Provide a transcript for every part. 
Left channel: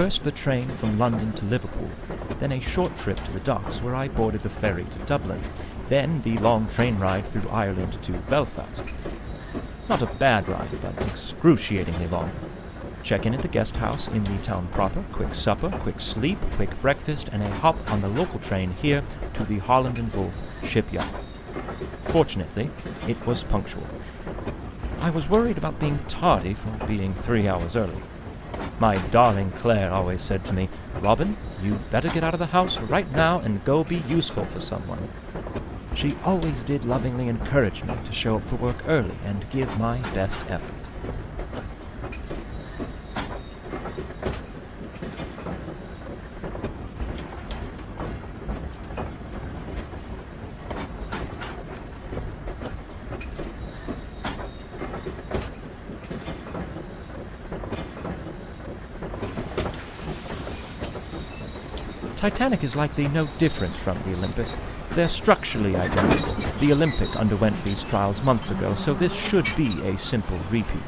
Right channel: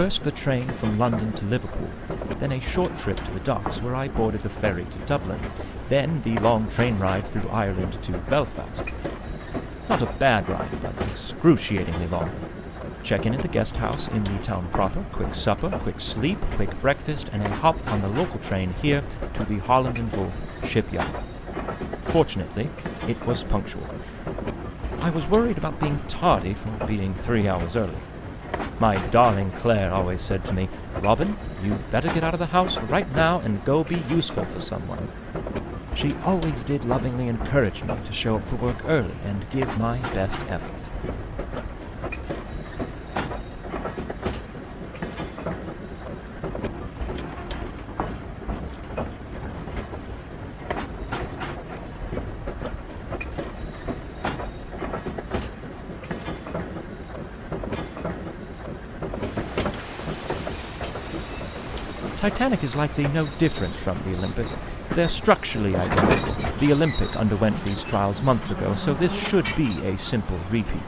First the train from London to Liverpool, then a short trip to the docks where I boarded the ferry to Dublin, then the long train ride through Ireland to Belfast. Not a bad ride, but excruciatingly long. Check in at the guest house in the town proper, quick supper, quick sleep, quick breakfast, and a hop on the local train here to the Holland and Wolff shipyard. Fortunately, it was punctual. I was worried about being tardy for being 3 hours early. My darling Claire always said to me, "Robin, you'd better get out of the house right now and go be useful for someone." She always did lovingly encourage me to show up for work early and give my best effort. Titanic is likely no different from the Olympic. They're structurally identical. The Olympic underwent these trials months ago, so this should be a simple repeat.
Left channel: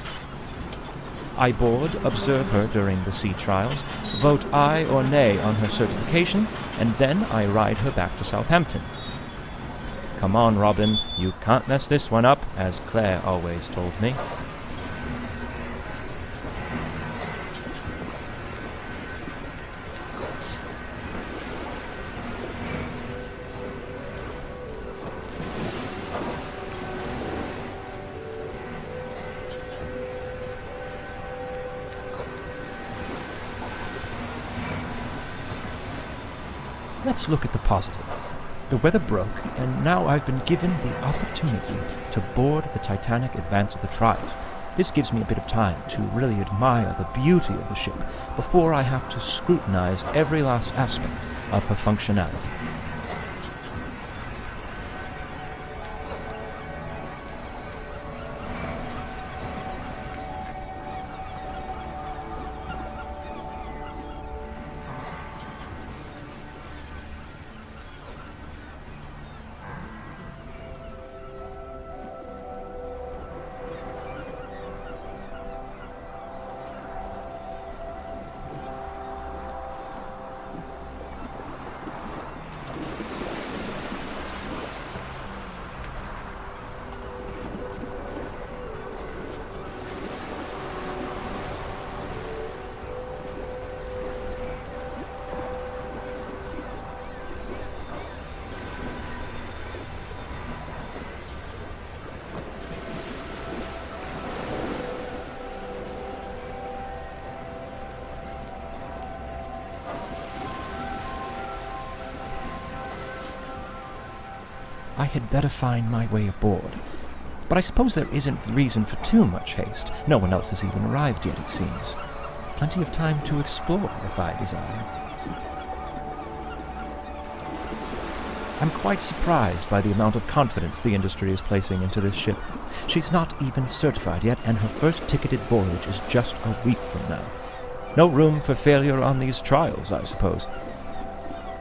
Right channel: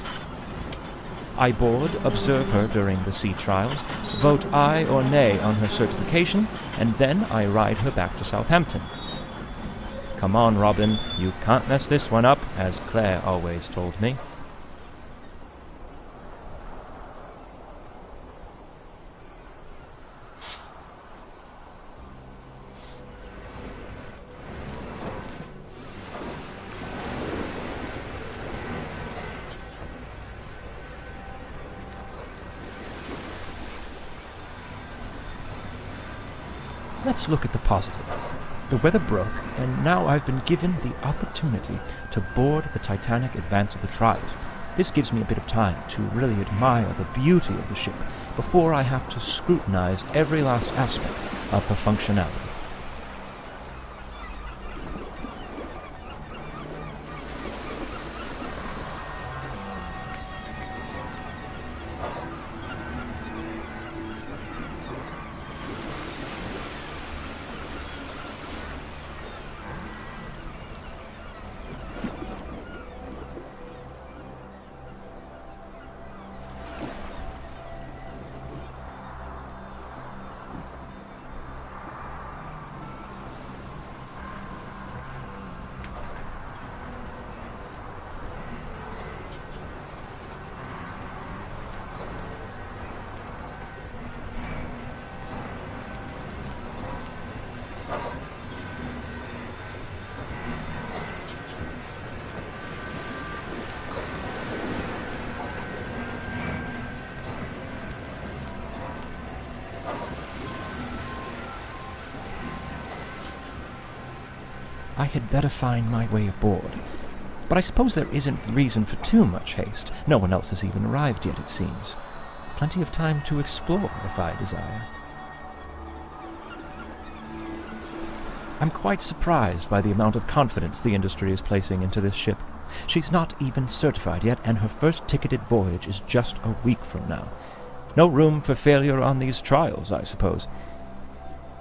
I board, observe her during the sea trials, vote aye or nay on her certification, and then I ride her back to Southampton. Come on, Robin, you can't mess this one up, as Claire always told me. Let's look at the positive. The weather broke, and now I've been given the opportunity to board the Titanic advance of the trials. This gives me a bit of time to really admire the beauty of the ship before I have to scrutinize every last aspect of her functionality. I had better find my way aboard. But I suppose there isn't reason for too much haste. No one else has even arrived yet, it seems. Plenty of time to explore, if I desire. I'm quite surprised by the amount of confidence the industry is placing into this ship. She's not even certified yet, and her first ticketed voyage is just a week from now. No room for failure on these trials, I suppose.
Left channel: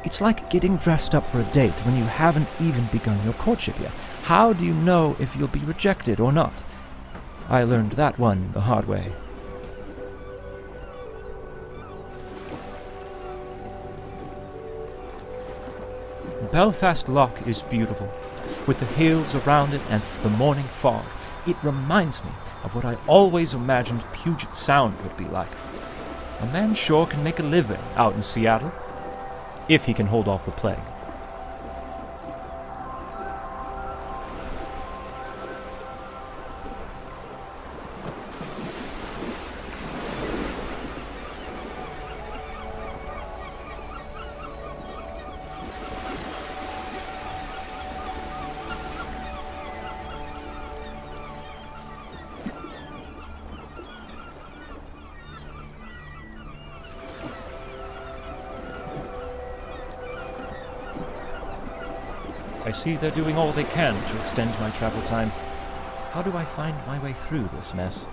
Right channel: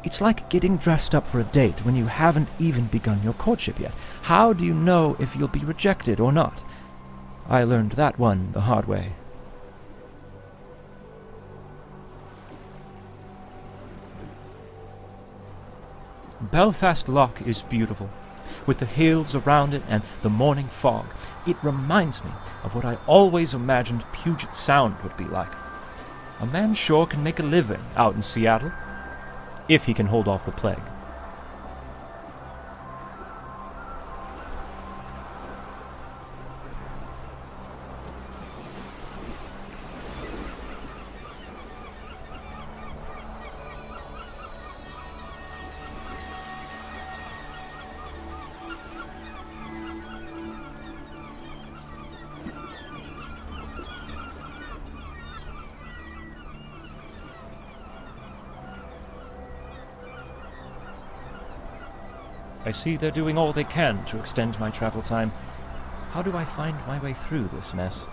It's like getting dressed up for a date when you haven't even begun your courtship yet. How do you know if you'll be rejected or not? I learned that one the hard way. Belfast Lough is beautiful, with the hills around it and the morning fog. It reminds me of what I always imagined Puget Sound would be like. A man sure can make a living out in Seattle, if he can hold off the plague. I see they're doing all they can to extend my travel time. How do I find my way through this mess?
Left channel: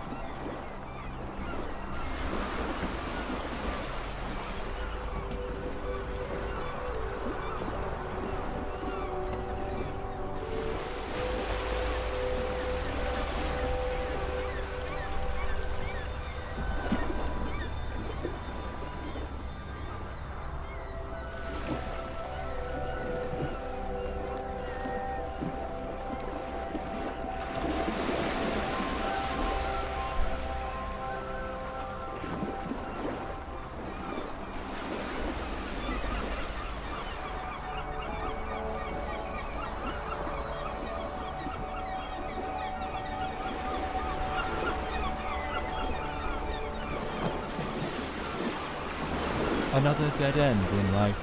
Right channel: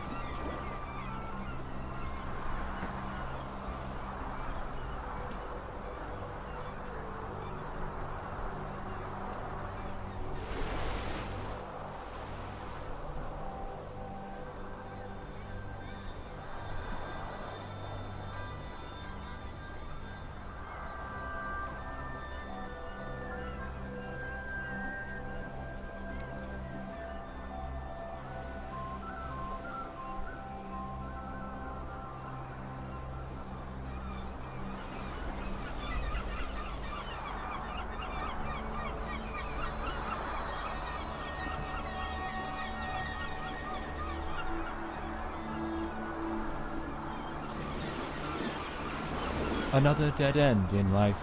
Another dead end in life.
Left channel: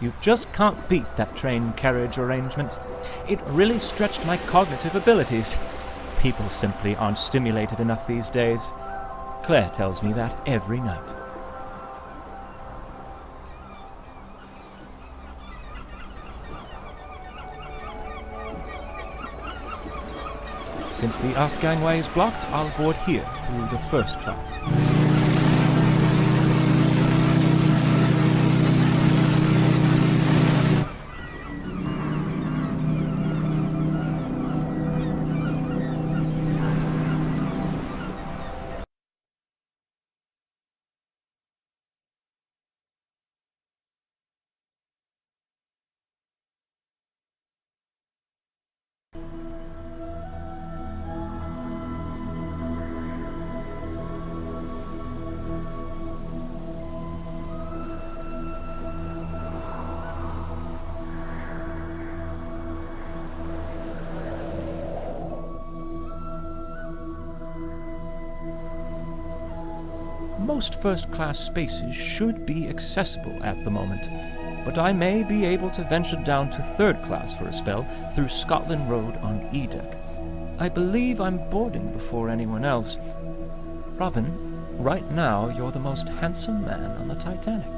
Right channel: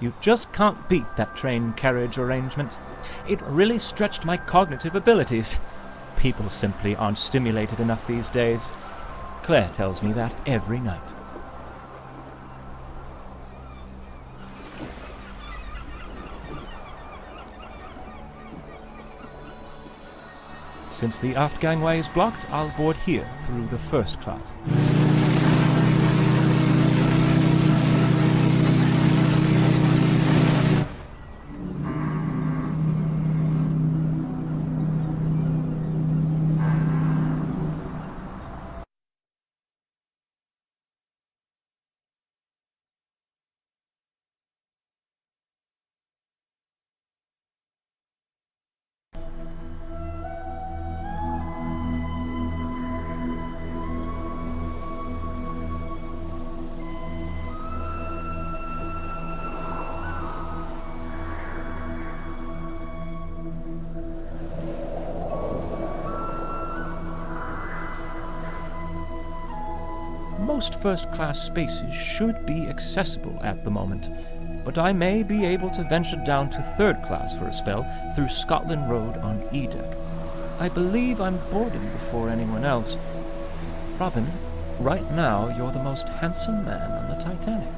You just can't beat that train carriage arrangement. It really stretched my cognitive abilities. People simply aren't stimulated enough these days. Claire tells me that every night. Since the aft gangway is blocked, I'll board here through the first class. Most first-class spaces should be accessible at the moment, but I may be able to venture down to third class for a spell through Scotland Road on E-Deck. I believe I'm boarding before anyone else. Robin, right now you're the most handsome man on the Titanic.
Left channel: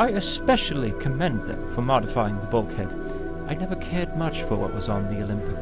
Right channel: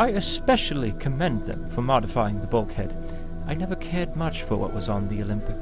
I especially commend them for modifying the bulkhead. I never cared much for what was on the Olympic.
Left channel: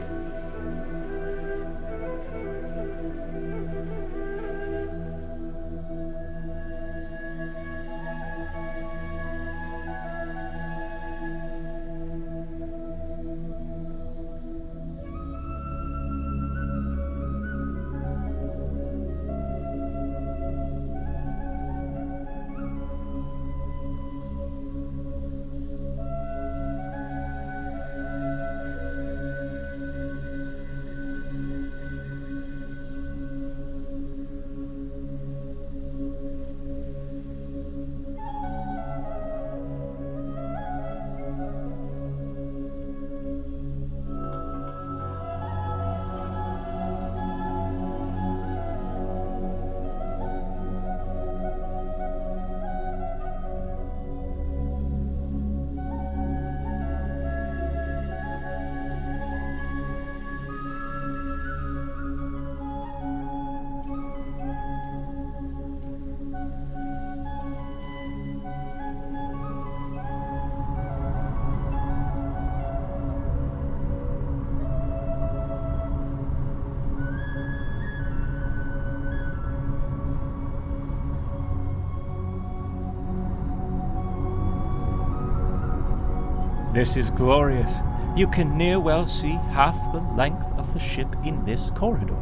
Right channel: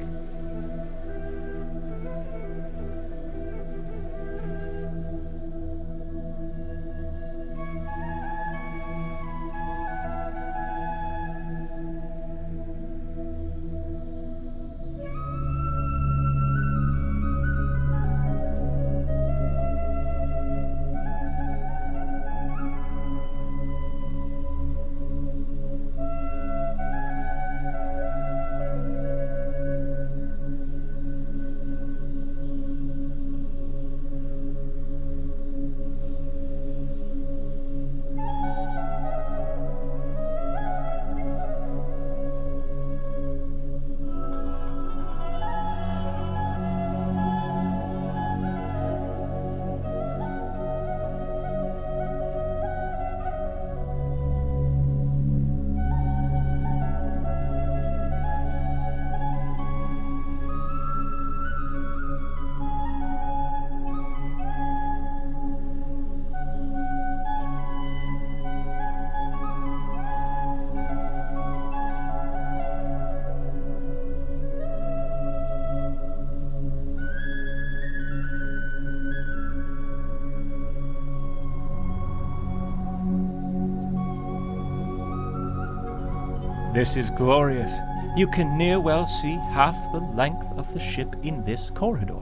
This is glorious. You can near well see half the length of the ship in this corridor.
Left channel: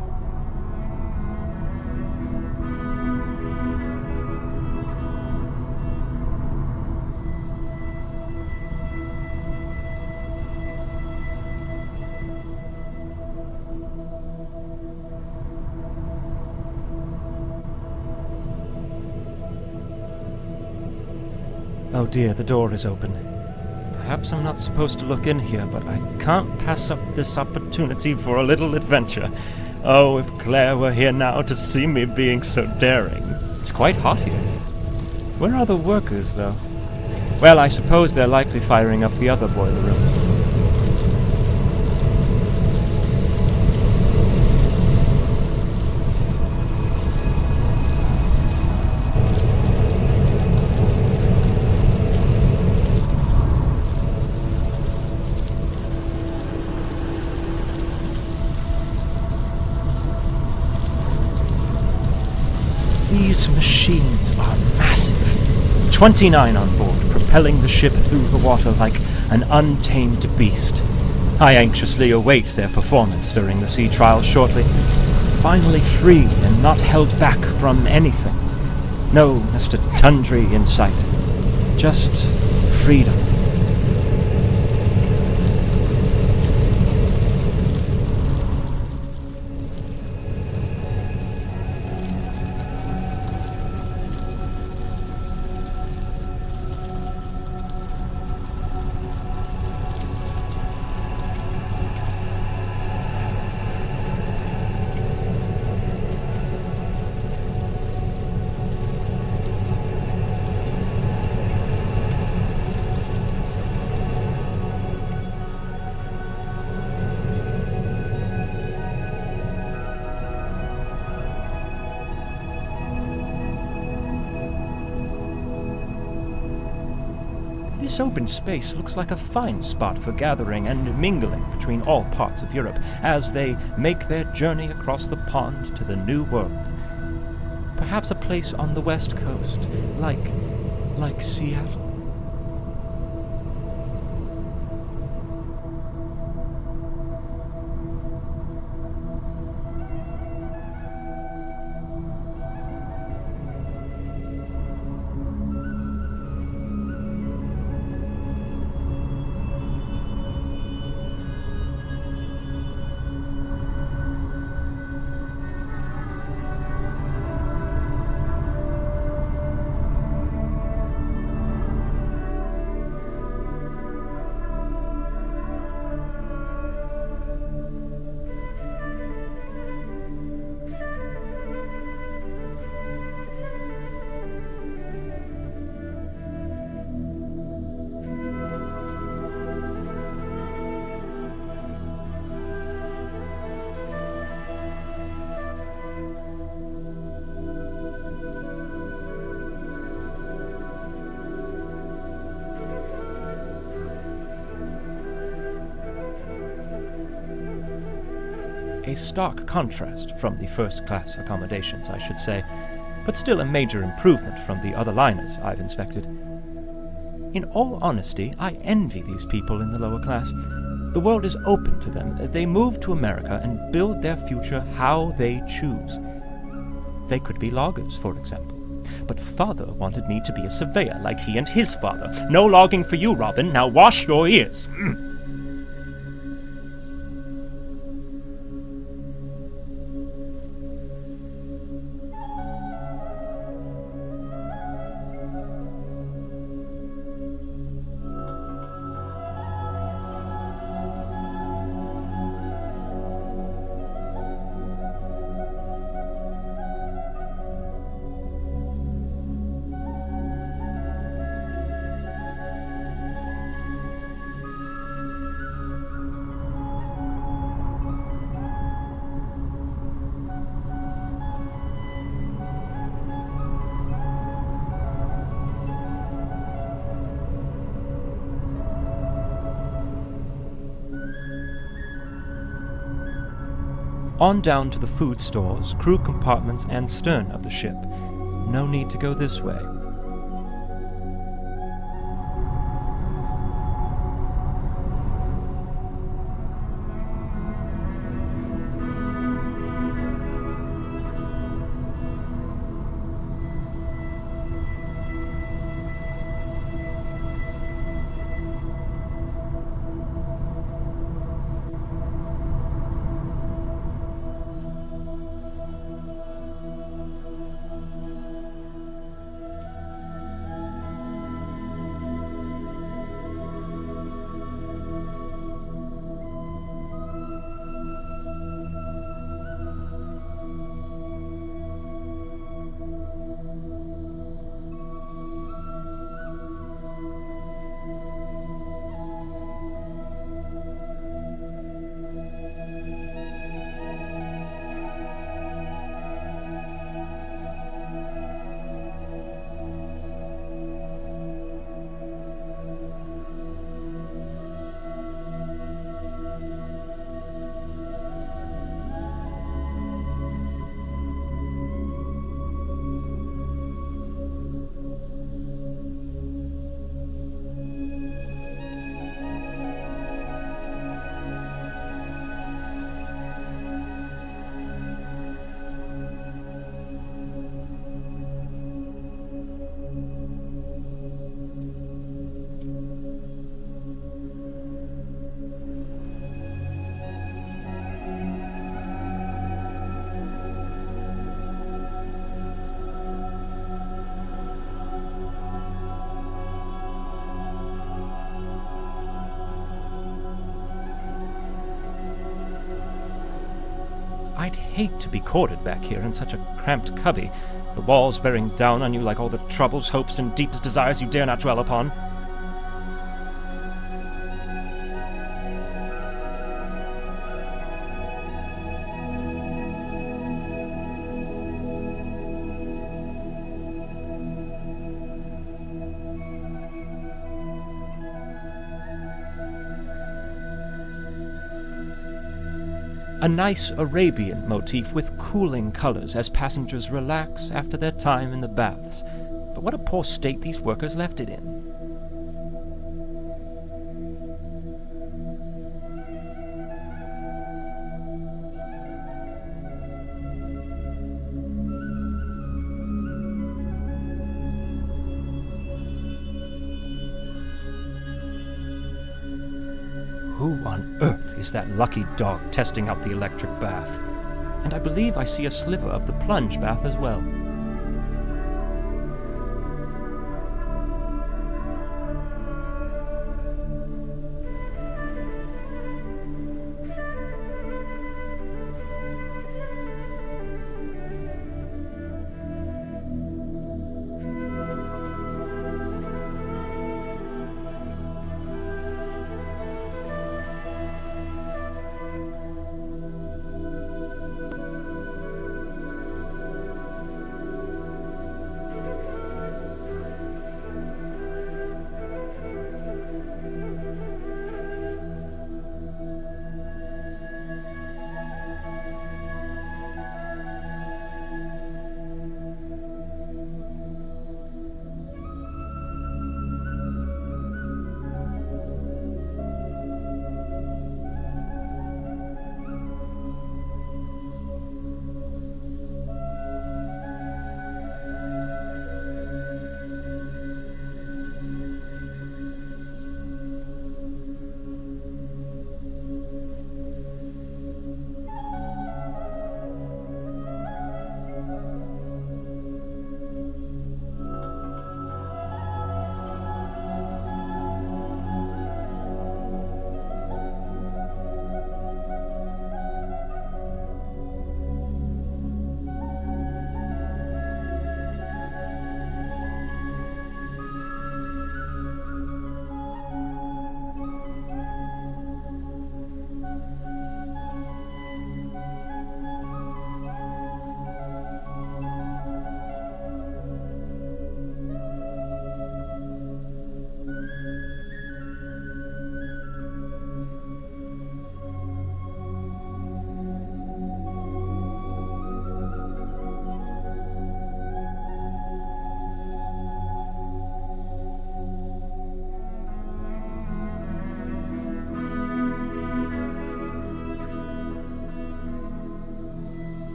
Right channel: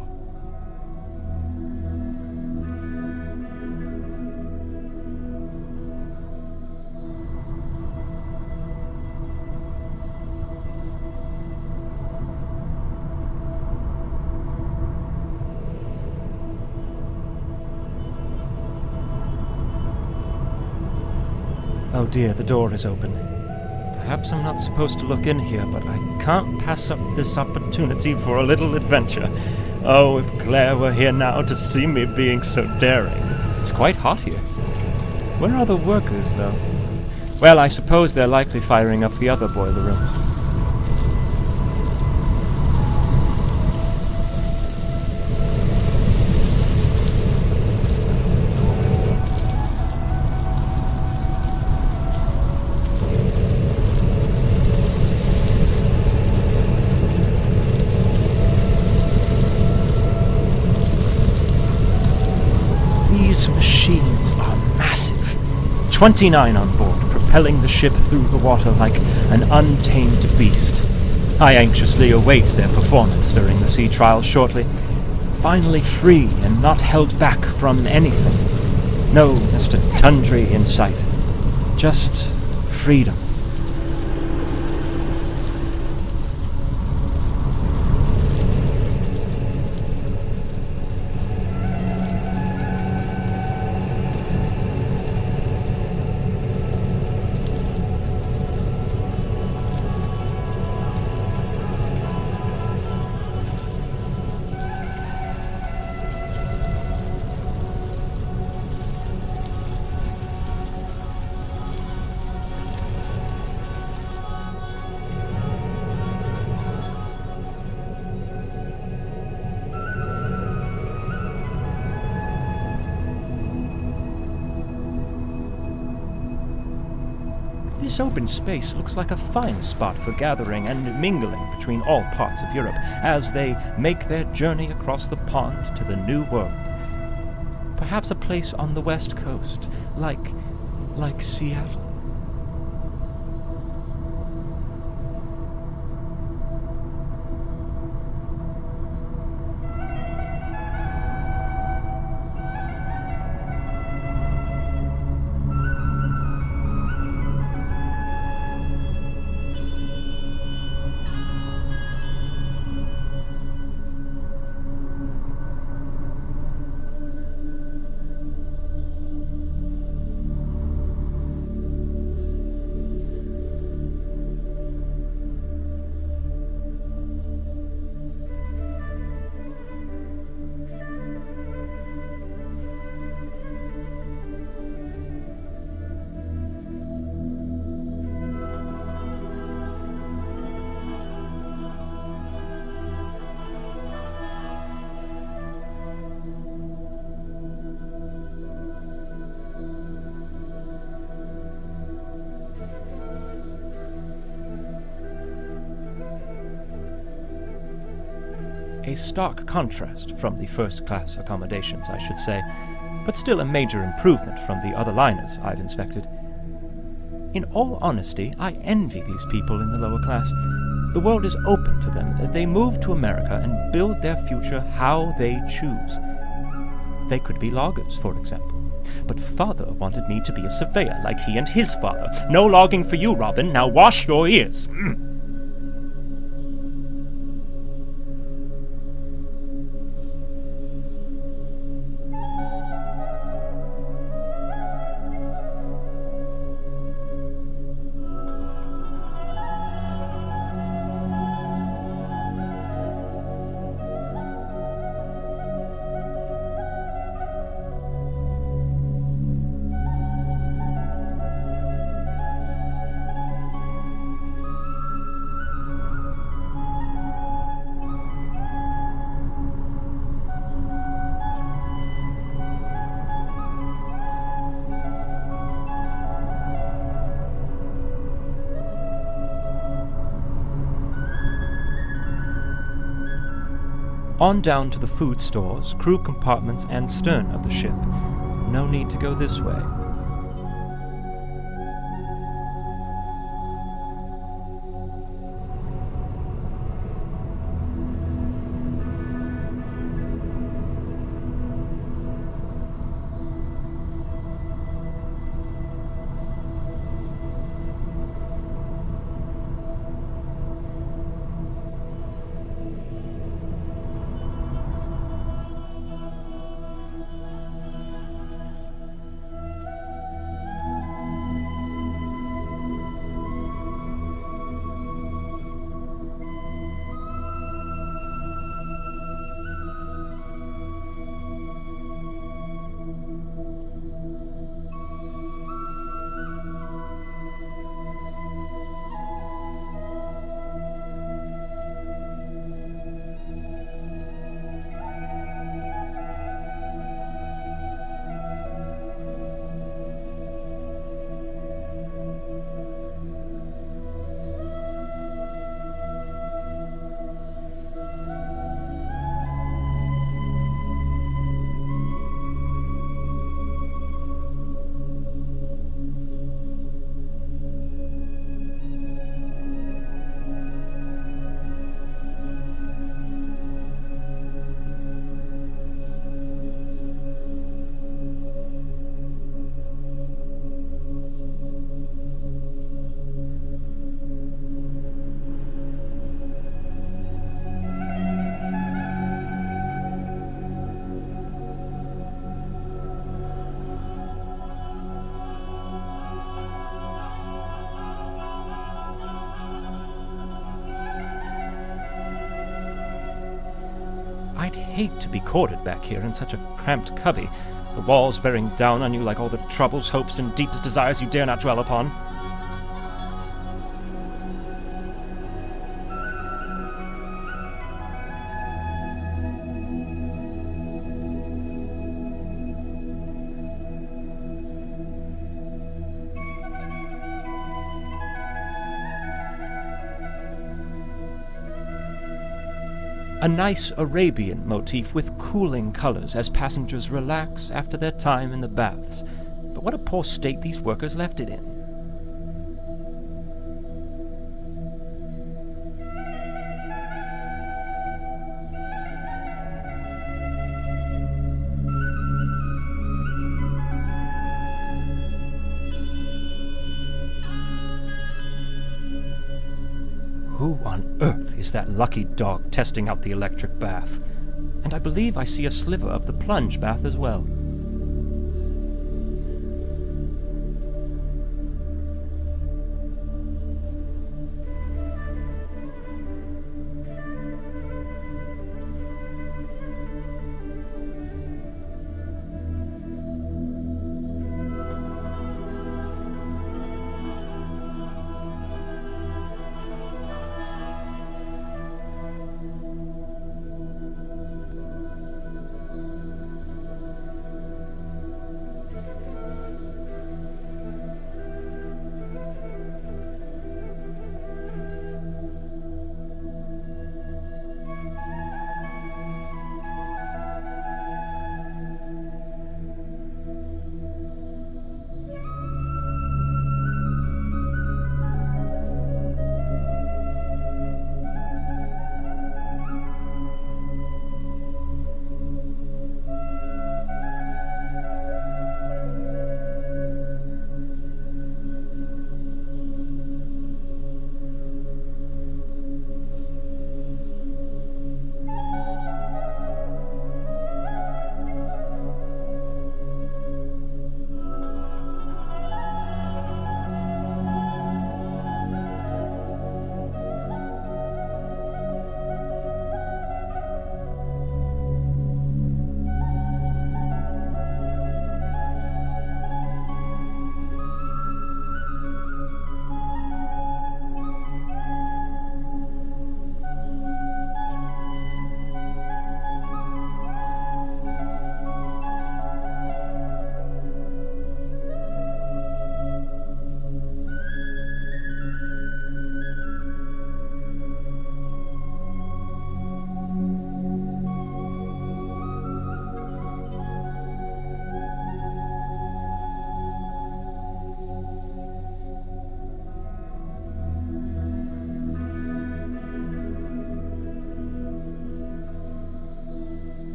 Oh dear, the door is open. Perhaps I'm not supposed to look in here, but I can't pass up this opportunity for a little adventure. Oh, if Claire were here now to see me being so daring. It's quite hot here. Where are the workers, though? Well, I suppose they're likely firing up the other boiler room. These machines are massive. 29 on board, propelling the ship through the water like an untamed beast. I anxiously await their performance during the sea trials shortly. Finally free and not held back from anything. No Mr. Tundry in sight. Just freedom. This open space looks like a fine spot for gathering and mingling between all parts of Europe as they make their journey across the pond to the New World. Perhaps a place on the West Coast, like Seattle. A stark contrast from the first-class accommodations, I should say, but still a major improvement from the other liners I've inspected. In all honesty, I envy these people in the lower class. The world is open to them. They move to America and build their future how they choose. They could be loggers, for example. But father wanted me to be a surveyor like he and his father. No logging for you, Robin. Now wash your ears. On down to the food stores, crew compartments, and stern of the ship. No need to go this way. I'd hate to be corded back here in such a cramped cubby, the walls bearing down on you like all the troubles, hopes, and deepest desires you dare not dwell upon. A nice Arabian motif with cooling colors as passengers relax after their time in the baths. But what a poor state these workers left it in. Who on earth is that lucky dog testing out the electric bath? And I believe I see a sliver of the plunge bath as well.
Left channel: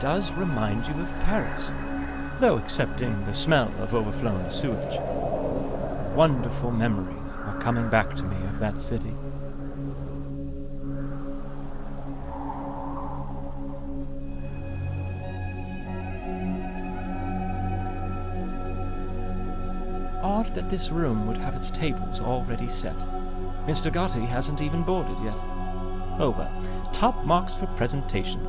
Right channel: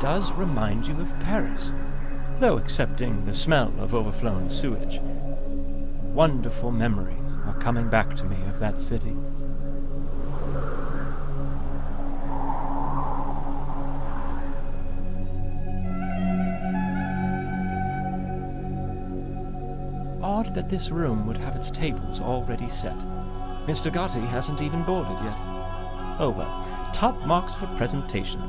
Does remind you of Paris, though excepting the smell of overflown sewage. Wonderful memories are coming back to me of that city. Odd that this room would have its tables already set. Mr. Gotti hasn't even boarded yet. Oh well, top marks for presentation.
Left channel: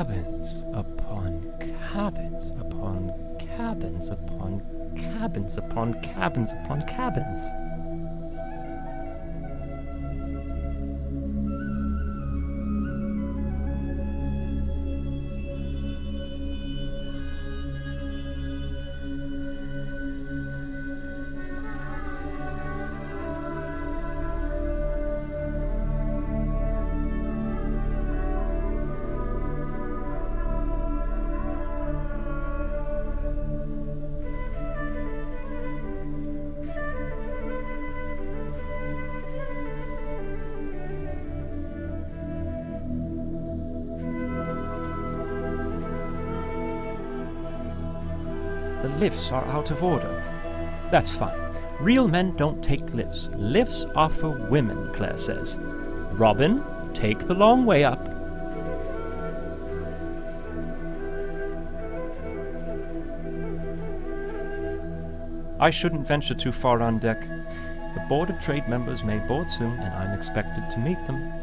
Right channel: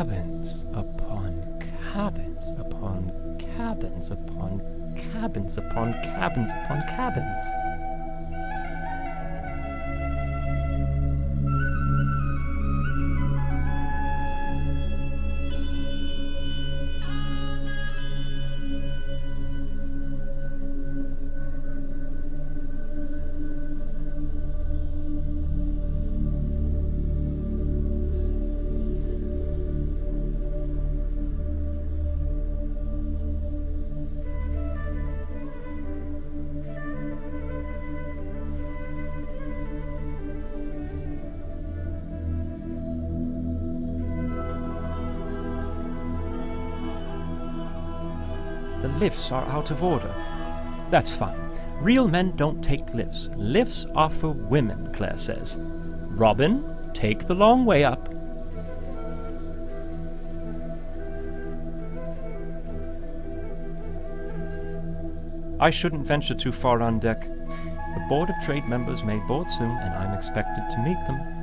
cabins upon cabins upon cabins upon cabins upon cabins upon cabins. The lifts are out of order. That's fine. Real men don't take lifts. Lifts are for women, Claire says. Robin, take the long way up. I shouldn't venture too far on deck. The Board of Trade members may board soon, and I'm expected to meet them.